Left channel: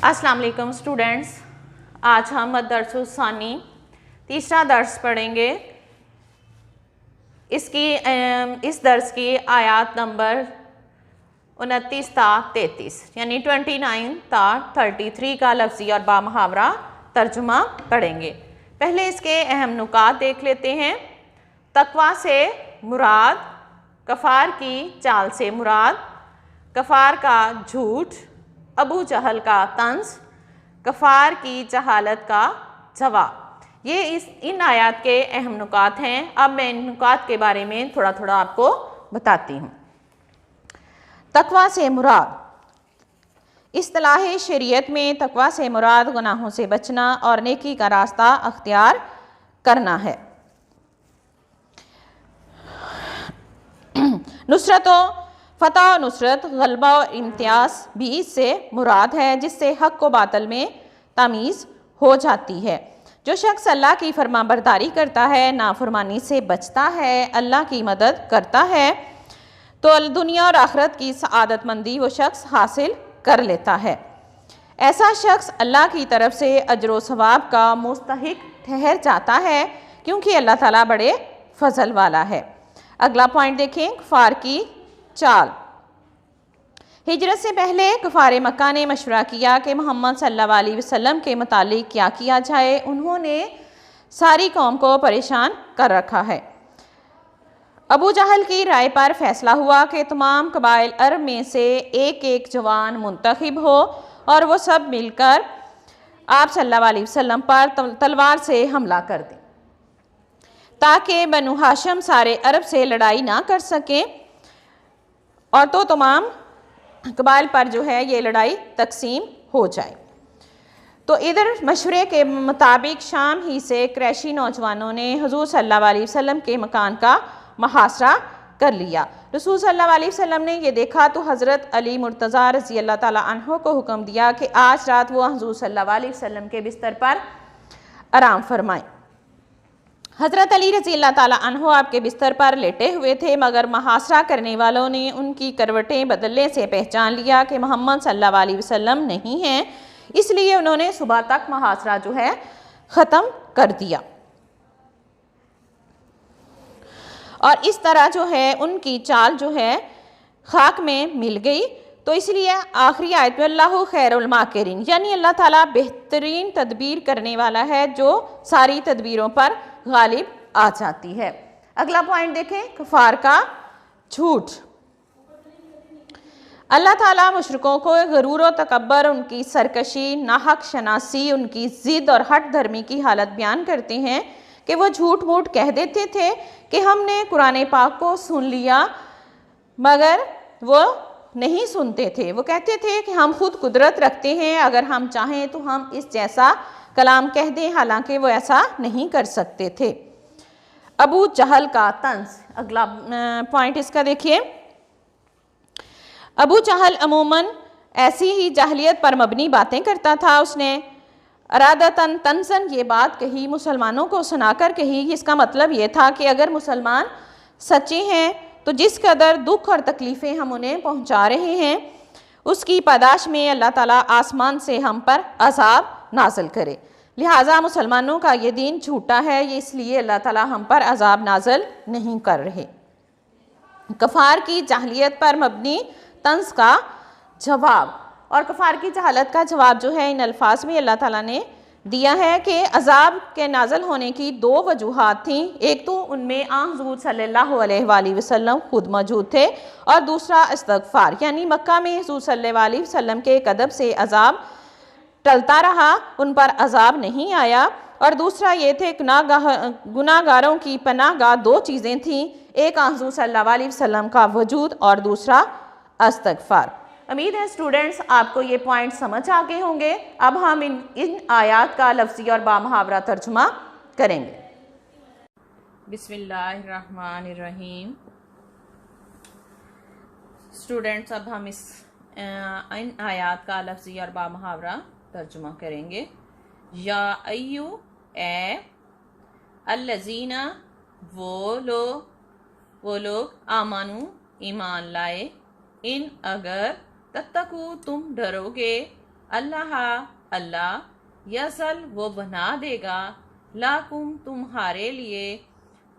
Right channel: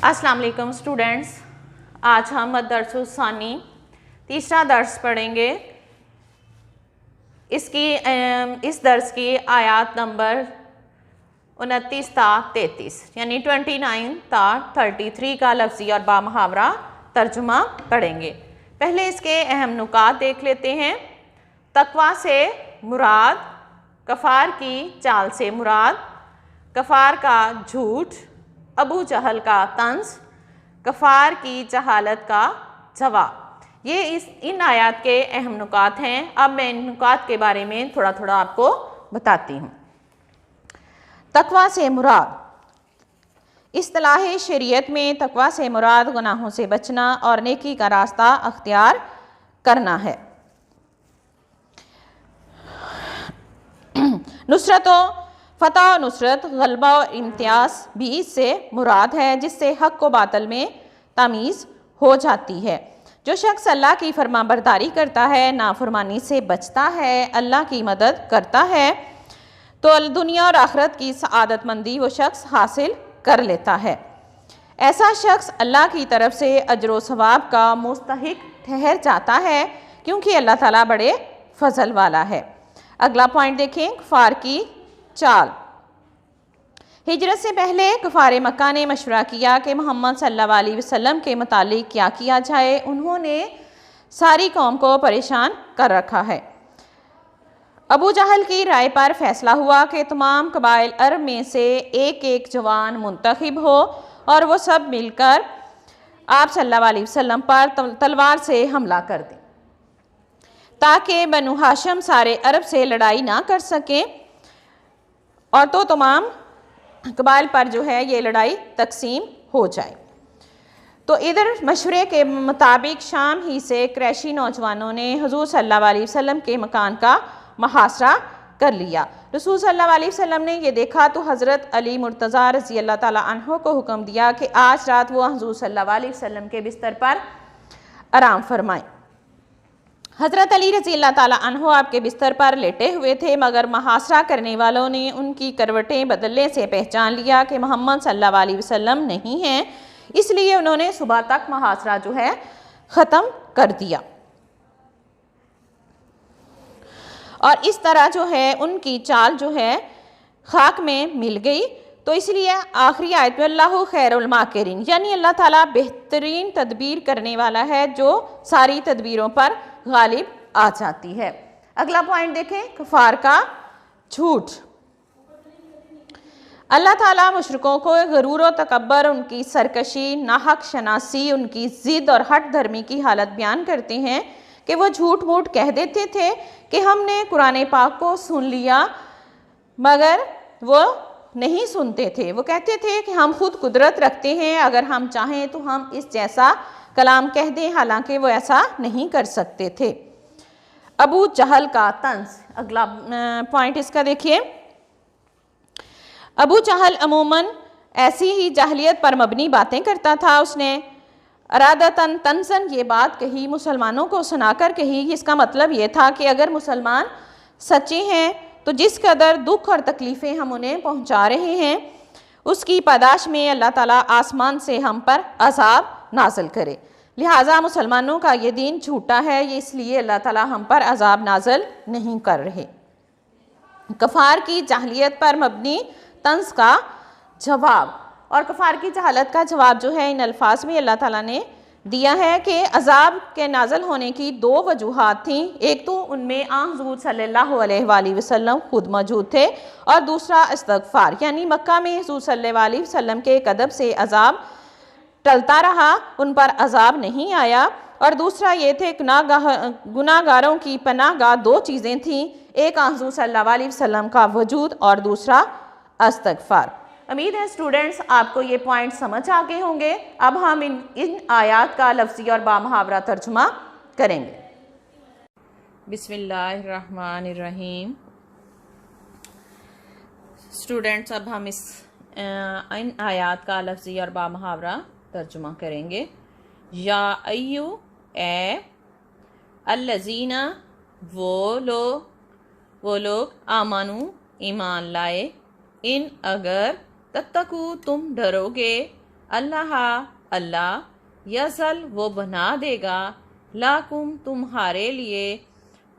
अस्सलाम वालेकुम स्टूडेंट्स, आज हम दरस-उस-सानी तीसरा दर्स पढ़ेंगे। इस दर्स की आयात नंबर 29 ता 33 यानी 29 ता 33 का लफ्ज़ी और बामुहावरा तर्जुमा पढ़ेंगे। पहले इसके अहम नुकात देख लेते हैं। तकवा से मुराद, कफ़ार की चाल से मुराद, कफ़ार का झूठ, अबू जहल का तंज, कफ़ार की जहालत का जवाब। ये इन आयात के अहम नुकात हैं। अब मैं इन नुकात के बारे में थोड़ा थोड़ा आपको बताती हूँ। तकवा से मुराद, इस्तिलाह शरीयत में तकवा से मुराद गुनाहों से बचना और नेकी का रास्ता अख्तियार करना है। नुसरत फ़तह और नुसरत, गलबा और इम्तियाज़ भी इससे मुराद है, जिससे हक़ को बातिल में तमीज़ हो जाती है। जो शख्स अल्लाह की फरमाबरदारी करता है, नाफरमानी से बचता है, अल्लाह की मदद करता है, तो दुनिया और आखिरत की सआदतमंदी वो शख्स हासिल कर लेता है। ऐसा शख्स अल्लाह की तरफ से अजर व सवाब का मुस्तहिक ठहर जाता है, क्योंकि अल्लाह ताला बड़े फजल वाला है। अगला पॉइंट देखें, कफ़ार की चाल। हिजरत से पहले कुफार मक्का ने मशवरा किया कि मोहम्मद सल्लल्लाहु अलैहि वसल्लम के मुतालिक क्या किया जाए। उन्होंने सारी कौम को परेशान कर रखा है। अबू जहल की राय पर फैसला हुआ कि तमाम कबाइल अरब में से एक एक जवान मुंतखब हो और वो सब मिलकर आप सल्लल्लाहु अलैहि वसल्लम पर तलवार से हमला कर दें, ताकि बनु हाशिम सारे अरब से लड़ाई ना कर सकें और तो तमाम कबाइल पर जो है ये लड़ाई तकसीम हो जाए। तो इधर मशवरे के मुताबिक शाम ही से क्रैशी नौजवानों ने हुजूर सल्लल्लाहु अलैहि वसल्लम के मकान का मुहासरा कर लिया। रसूल सल्लल्लाहु अलैहि वसल्लम ने ये देखा तो हज़रत अली मुर्तज़ा रज़ी अल्लाह ताला अन्हो को हुक्म दिया कि आज रात वो हुजूर सल्लल्लाहु अलैहि वसल्लम के बिस्तर पर आराम फरमाएं। हज़रत अली रज़ी अल्लाह ताला अन्हो आपके बिस्तर पर लेटे हुए थे, मगर मुहासरा करने वालों ने उनकी करवटें बदलने से पहचान लिया कि मोहम्मद सल्लल्लाहु अलैहि वसल्लम नहीं हैं, इसलिए उन्होंने सुबह तक मुहासरा जो है ख़त्म कर दिया और इस तरह जो है उनकी चाल जो है खाक में मिल गई। तो इसलिए आखिरी आयत में अल्लाहु खैरुल माकिरीन, यानी अल्लाह ताला बेहतरीन तदबीर करने वाला है, जो सारी तदबीरों पर गालिब आ जाती है। अगला पॉइंट देखें, कफ़ार का झूठ। अल्लाह ताला मुशरिकों को गरूर व तकब्बर, उनकी सरकशी, नाहक शनासी, उनकी ज़िद और हट धर्मी की हालत बयान करते हैं कि वो झूठ मूठ कह देते थे कि हमने कुरान पाक को सुन लिया, मगर वो नहीं सुनते थे। वो कहते थे कि हम खुद कुदरत रखते हैं, अगर हम चाहें तो हम इस जैसा कलाम कह दें, हालांकि वो ऐसा नहीं कर सकते थे। अबू जहल का तंज, अगला पॉइंट इसका देखिए। अबू जहल अमूमन ऐसी ही जाहलियत पर मबनी बातें करता था। उसने अरादतन तंजन ये बात कही, मुसलमानों को सुनाकर कही। इसका मतलब ये था कि अगर मुसलमान सच्चे हैं तो जिस कदर दुख और तकलीफ़ें हम उन्हें पहुंचा रहे हैं, उसकी पादाश में अल्लाह ताला आसमान से हम पर अज़ाब नाज़िल करे। लिहाजा मुसलमानों का ये दीन झूठा है, ये इसलिए अल्लाह ताला हम पर अज़ाब नाज़िल नहीं कर रहे। कफ़ार की जाहलियत पर मबनी तंज का जवाब, और कफ़ार की जहालत का जवाब जो है इन अल्फाज में अल्लाह ताला ने दिया है कि अज़ाब के नाज़िल होने की दो वजूहात थीं। एक तो उनमें हुज़ूर सल्लल्लाहु अलैहि वसल्लम खुद मौजूद थे, और दूसरा इस्तग़फ़ार, यानी मक्का में हुज़ूर सल्लल्लाहु अलैहि वसल्लम के कदब से अज़ाब टलता रहा, उन पर अज़ाब नहीं आया। और दूसरा ये थे गुनाहगारों की पनाहगाह दो चीज़ें थीं, एक हुज़ूर सल्लल्लाहु अलैहि वसल्लम का वजूद और दूसरा इस्तग़फ़ार। उम्मीद है स्टूडेंट्स आपको ये पॉइंट समझ आ गए होंगे। अब हम इन आयात का लफ्ज़ी और बामुहावरा तर्जुमा करेंगे। बिस्मिल्लाहिर्रहमानिर्रहीम। स्टूडेंट्स अब हम इन आयात का लफ्ज़ी और बामुहावरा तर्जुमा करेंगे। या अय्यु, ए, अल्लज़ीना, वो लोग, आमानू, ईमान लाए, इन अगर, तत्तकू तुम डरोगे, अल्लाह अल्लाह, यज़ल वो बना देगा, लाकुम तुम्हारे लिए,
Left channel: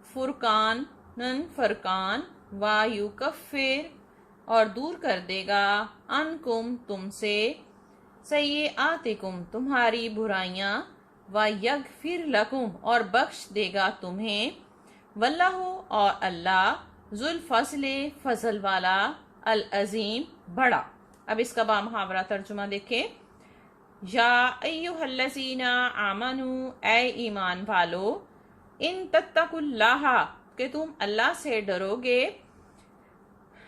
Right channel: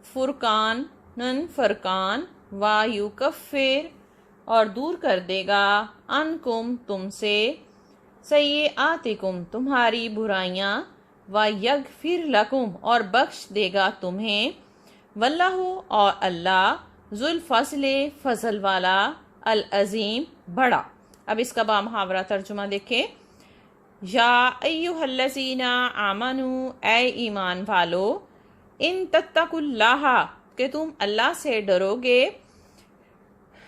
फुरकान नन फरकान, वायुकफ़िर और दूर कर देगा, अनकुम तुमसे, सय्यआतिकुम तुम्हारी बुराइयां, व यगफिर लकुम और बख्श देगा तुम्हें, वल्लाहु और अल्लाह, जुल फज़ल फजल वाला, अल अज़ीम बड़ा। अब इसका बामुहावरा तर्जुमा देखें। या अय्युहल्लज़ीना आमनू, ऐ ईमान वालो, इन तत्तकुल्लाह कि तुम अल्लाह से डरोगे,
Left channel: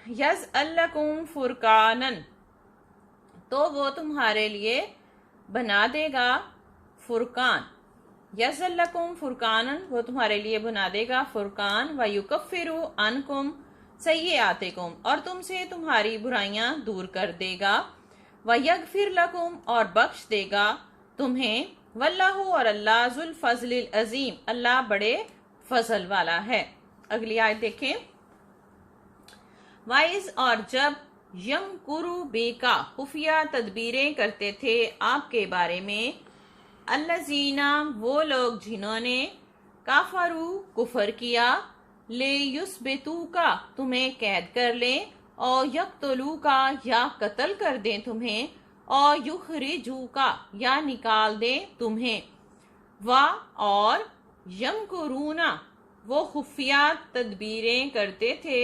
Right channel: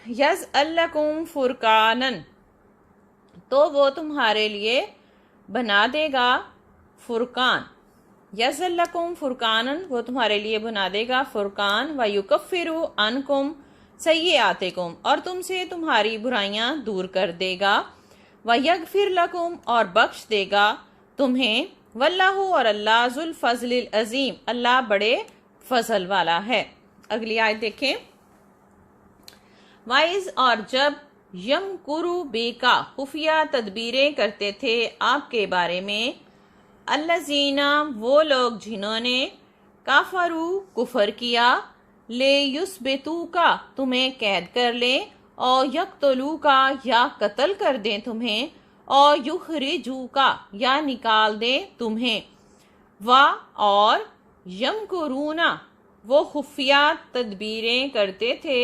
यज़अल्लकुम फुरकानन तो वो तुम्हारे लिए बना देगा फुरकान, यज़अल्लकुम फुरकानन वो तुम्हारे लिए बना देगा फुरकान, व युकफ़िरु अनकुम सय्यआतिकुम और तुमसे तुम्हारी बुराइयां दूर कर देगा, व यगफिर लकुम और बख्श देगा तुम्हें, वल्लाहु और अल्लाह, जुल फज़लिल अज़ीम अल्लाह बड़े फजल वाला है। अगली आयत देखें। वाइज और जब यमकुरु बेका खुफिया तदबीरें करते थे आपके बारे में, अल्लज़ीना वो लोग जिन्होंने, काफरू कुफर किया, ले युस्बितू का तुम्हें कैद कर ले, और यक्तलू का या कत्ल कर दें तुम्हें, और युखरिजू का या निकाल दें तुम्हें, वा और यमकुरूना वो खुफिया तदबीरें करते थे,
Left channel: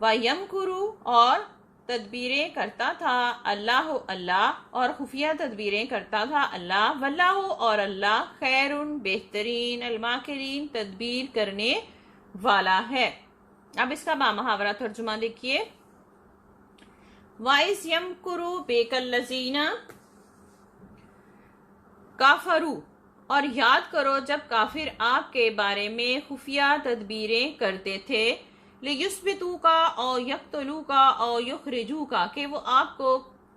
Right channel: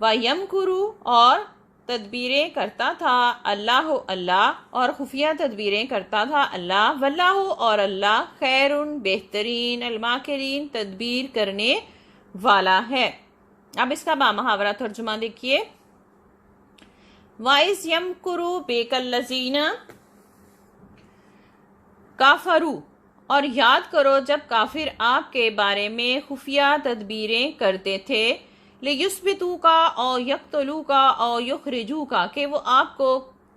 व यमकुरू और तदबीरें करता था अल्लाह अल्लाह और खुफिया तदबीरें करता था अल्लाह, वल्लाहु और अल्लाह, खैरुन बेहतरीन, अलमाकिरीन तदबीर करने वाला है। अब इसका बामुहावरा तर्जुमा देखिए। वाइस यमकुरु बेकल्लज़ीना काफरू और याद करो जब काफिर आपके बारे में खुफिया तदबीरें करते थे, लियुस्बितू का और यक्तलू का और युखरिजू का कि वो आपको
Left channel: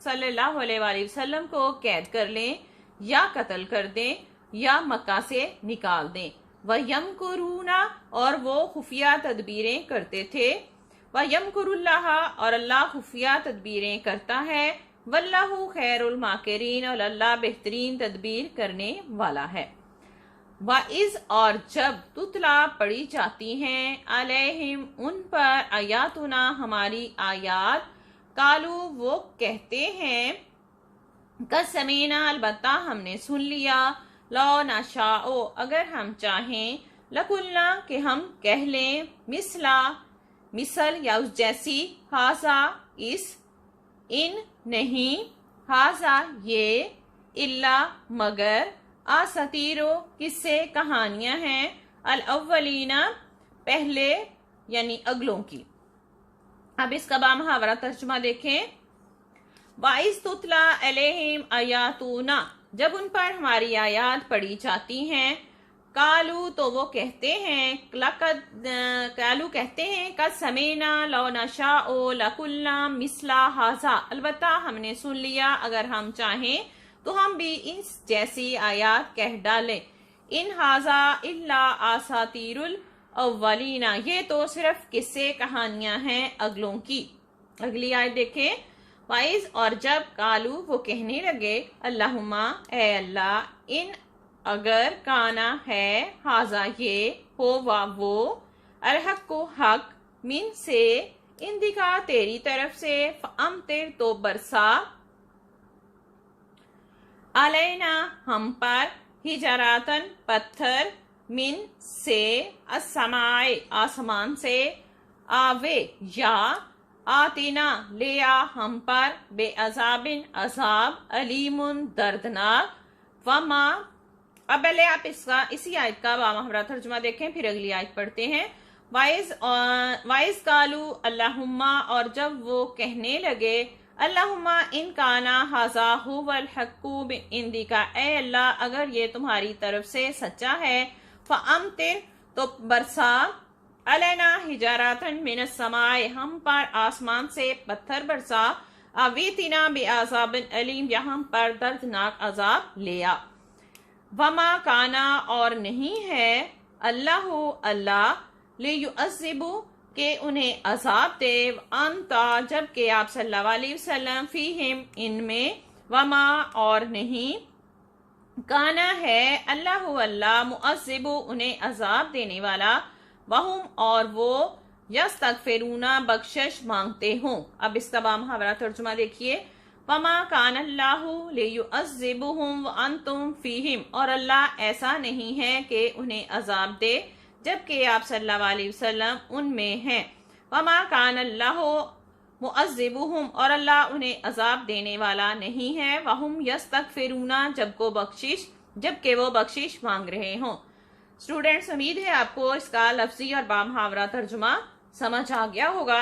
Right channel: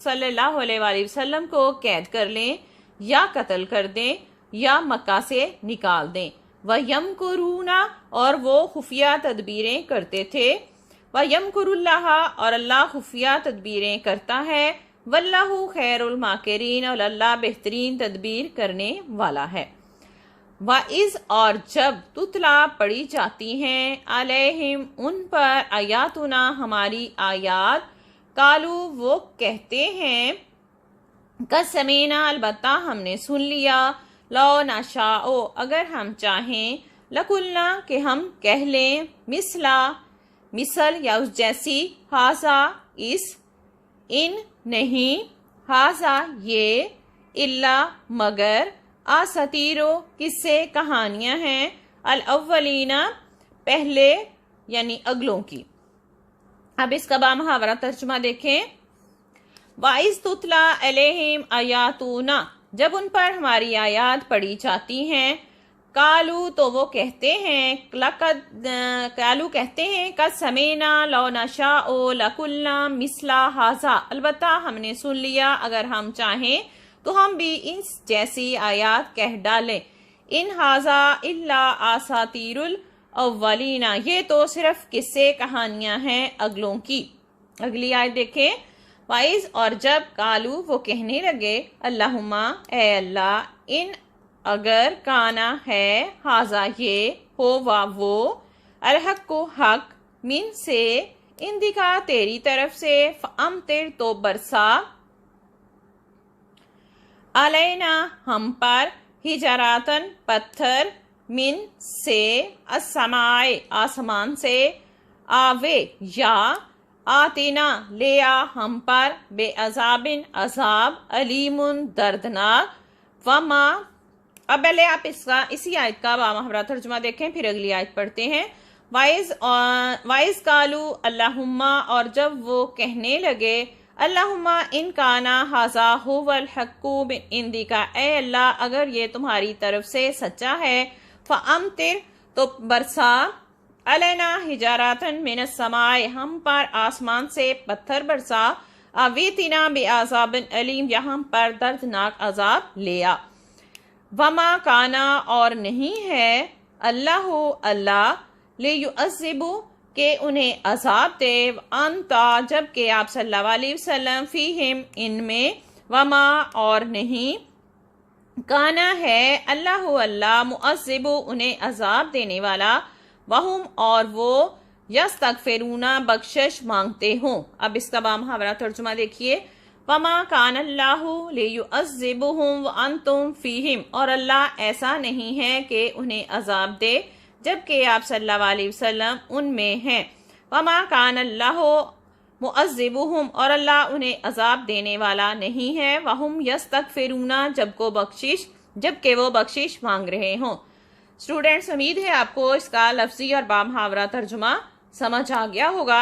सल्लल्लाहु अलैहि वसल्लम को कैद कर लें या कत्ल कर दें या मक्का से निकाल दें। वह यमकुरूना और वो खुफिया तदबीरें करते थे, वह यमकुरुल्लाह और अल्लाह खुफिया तदबीरें करता है, वल्लाहु खैरुल माकिरीन और अल्लाह बेहतरीन तदबीर करने वाला है। वाइज और जब तुतला पढ़ी जाती हैं अलैहिम उन पर, आयातुना हमारी आयात, कालू वो कहते हैं, कसमीना अलबत्ता हमने सुन लिया, लो नशाओ अगर हम चाहें, लकुल्ना कि हम कह लें, मिसला मिसल या उस जैसी, हाजा इस, इन नहीं, हाजा ये, इल्ला मगर, आसतीरो किस्से कहानियां हैं, अल अव्वलीना पहले यानी अगलों की। अब इसका बामुहावरा तर्जुमा देखें। वाइस तुतला अलैहिम आयातुना जब उन पर हमारी आयात पढ़ी जाती हैं, कालू तो वो कहते हैं, कालू कहते हैं, कद समेना लो नशाओ लकुल्ना मिसला हाजा अलबत्ता हमने सुन लिया अगर हम चाहें तो हम भी इस जैसी आयात कह डालें, इन हाजा इल्ला आसातीरुल अव्वलीना ये तो सिर्फ किस्से कहानियां हैं अगलों की। अगली आयत देखें। वाइज और जब कालू वो कहने लगे, अल्लाहुम्मा ए अल्लाह, इन अगर, काना है, हाजा ये, हो वा वो, अलहक को हक, मिन से, इंदिका तेरी तरफ से, फअमतिर तो बरसा, अलैना हम पर, हिजरातन पत्थर, मिन से, अस्समाए आसमान से, आवे या, आतिना ले आ हम पर, बेअज़ाबिन अज़ाब, अलीमुन दर्दनाक, वमा। अब पहले आप इसका इसी आयत का बामुहावरा तर्जुमा देखें फिर अगली आयत पढ़ते हैं। वाइज कालू अल्लाहुम्मा और जब वो कहने लगे, अल्लाहुम्मा इन काना हाजा हुवल हक्कु मिन इंदिका ए अल्लाह अगर ये तुम्हारी तरफ से सच्चा है, फअमतिर तो बरसा, अलैना हिजारातन मिनस समाए हम पर आसमान से पत्थर बरसा, अवीतिना बेअज़ाबिन अलीम या हम पर दर्दनाक अजाब ले आ। वमा काना और नहीं है, अल्लाह अल्लाह, ले युअज़्ज़िबु के उन्हें अजाब दे, अंता जबकि आप सल्लल्लाहु अलैहि वसल्लम फीहिम इनमें, वमा और नहीं, काना है अल्लाह अल्लाह मुअज़्ज़िबु उन्हें अजाब देने वाला, वहुम और वो यस्तगफिरूना बख्शिश मांगते हों। अब इसका बामुहावरा तर्जुमा देखिए। वमा कान अल्लाहु लियुअज़्ज़िबुहुम व अंतुम फीहिम, और अल्लाह ऐसा नहीं है कि उन्हें अजाब दे जबकि आप सल्लल्लाहु अलैहि वसल्लम उनमें हैं। वमा कान अल्लाहु मुअज़्ज़िबुहुम, और अल्लाह उन्हें अजाब देने वाला नहीं है। वहुम यस्तगफिरूना जबकि वो बख्शिश मांग रहे हों। स्टूडेंट्स, उम्मीद है आपको इसका लफ्जी और बामुहावरा तर्जुमा समझ आ गया होगा।